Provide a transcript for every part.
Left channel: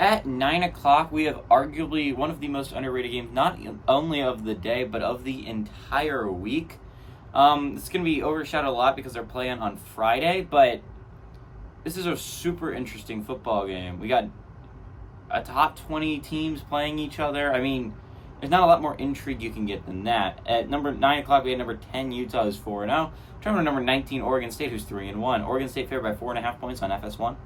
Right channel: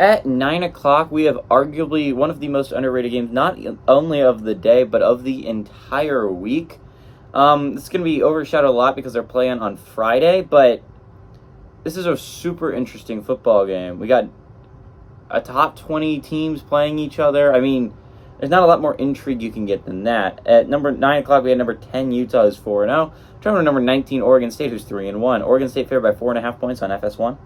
At 9 o'clock, we have arguably one of the most underrated games, not only of the day, but of the entire week. It's going to be overshadowed a lot because they're playing on Friday, but this is a super interesting football game. We got a top 20 teams playing each other. I mean, there's not a lot more intrigue you can get than that. At number 9 o'clock, we had number 10 Utah, who's 4-0. Trying number 19 Oregon State, who's 3-1. Oregon State favored by 4.5 points on FS1.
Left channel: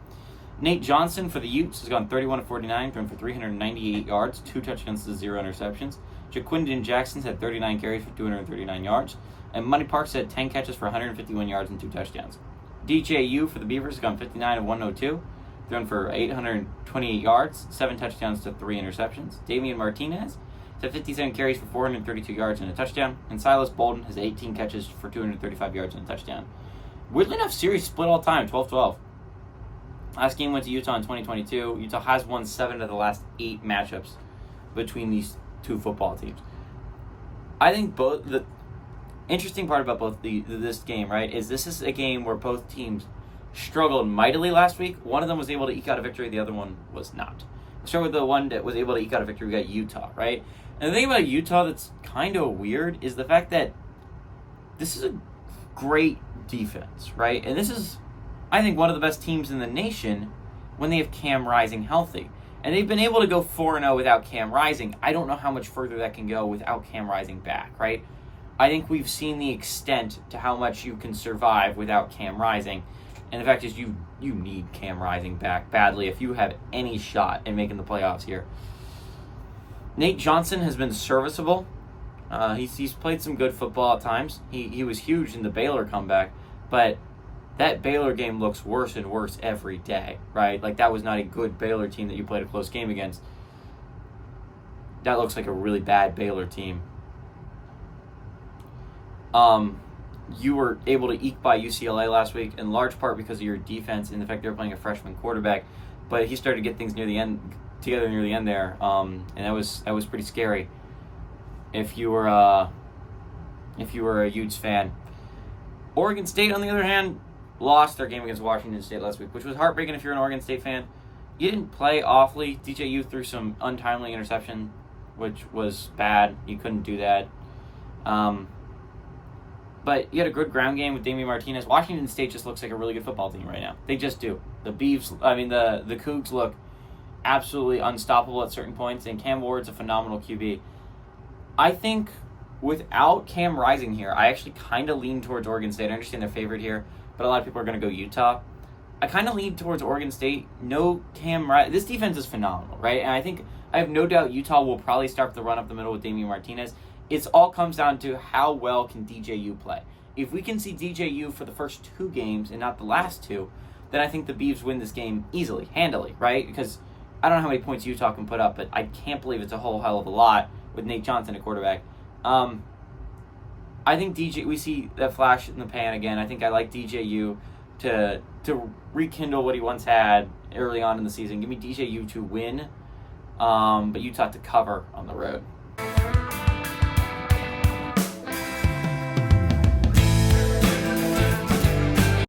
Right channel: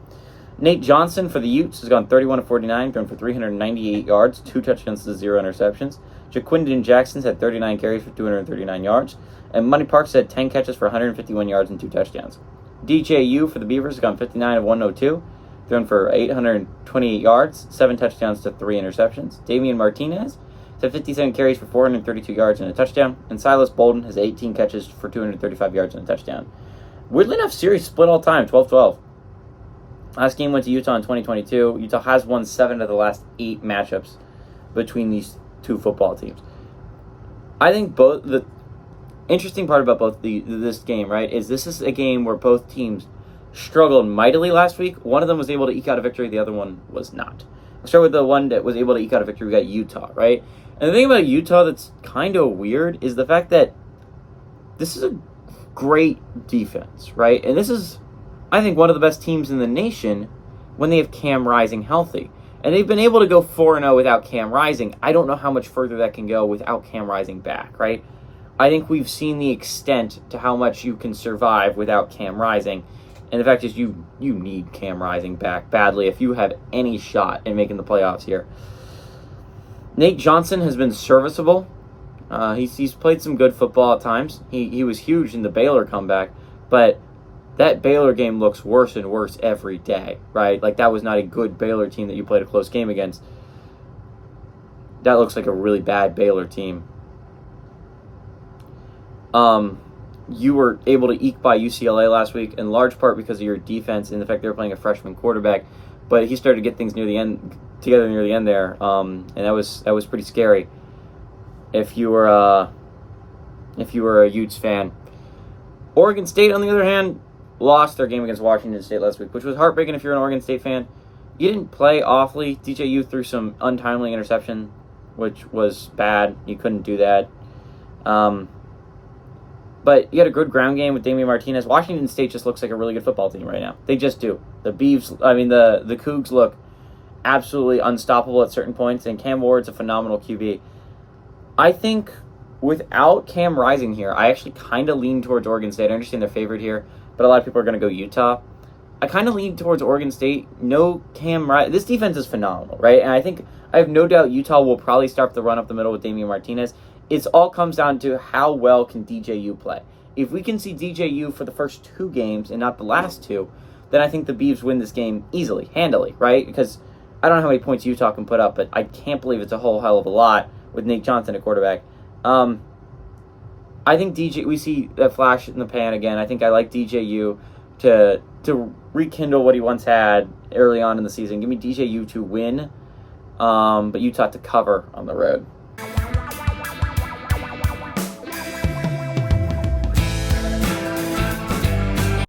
Nate Johnson for the Utes has gone 31 of 49, thrown for 398 yards, 2 touchdowns to 0 interceptions. Jaquindon Jackson's had 39 carries for 239 yards. And Money Parks had 10 catches for 151 yards and 2 touchdowns. DJU for the Beavers has gone 59 of 102, thrown for 828 yards, 7 touchdowns to 3 interceptions. Damian Martinez had 57 carries for 432 yards and a touchdown. And Silas Bolden has 18 catches for 235 yards and a touchdown. Weirdly enough, series split all time, 12-12. Last game went to Utah in 2022. Utah has won 7 of the last 8 matchups between these two football teams. I think the interesting part about this game, right, is this is a game where both teams struggled mightily last week. One of them was able to eke out a victory. The other one was not. I'll start with the one that was able to eke out a victory. We got Utah, right? And the thing about Utah that's kind of weird is the fact that this is a great defense, right? And this is, I think, one of the best teams in the nation when they have Cam Rising healthy. And they've been able to go 4-0 without Cam Rising. I don't know how much further that can go without Cam Rising back, right? I think we've seen the extent to how much you can survive without Cam Rising. And the fact is you need Cam Rising back badly if you have any shot in making the playoffs here. Nate Johnson has been serviceable. He's played some good football at times. He was huge in the Baylor comeback, but that Baylor game looks worse and worse every day, right? Like, that was not a good Baylor team that you played a close game against. That looks like a really bad Baylor team. You were able to eke by UCLA last week, in large part because of your defense and the fact they were playing a freshman quarterback. But he started to get things together near the end there, and that was pretty scary. If you were a Utes fan, Oregon State, on the other hand, lost their game against Washington State last week, which was heartbreaking if you're an Oregon State fan. You didn't play awfully. DJU threw some untimely interception, which was bad. You couldn't do that. But you had a good ground game with Damian Martinez. Washington State just looks like a really good football team right now. They just do. The Cougs look absolutely unstoppable at certain points, and Cam Ward's a phenomenal QB. I think without Cam Rising here, I actually kind of lean towards Oregon State. I understand they're favored here, but a lot of people are going to go Utah. I kind of lean towards Oregon State. No Cam Rising. This defense is phenomenal, right? And I have no doubt Utah will probably start the run up the middle with Damian Martinez. It all comes down to how well can DJU play. If we can see DJU for the first 2 games and not the last 2, then I think the Beavs win this game easily, handily, right? Because I don't know how many points Utah can put up, but I can't believe it's a whole hell of a lot with Nate Johnson at quarterback. I think we see that flash in the pan again. I think I like DJU to rekindle what he once had early on in the season. Give me DJU to win, but Utah to cover on the road.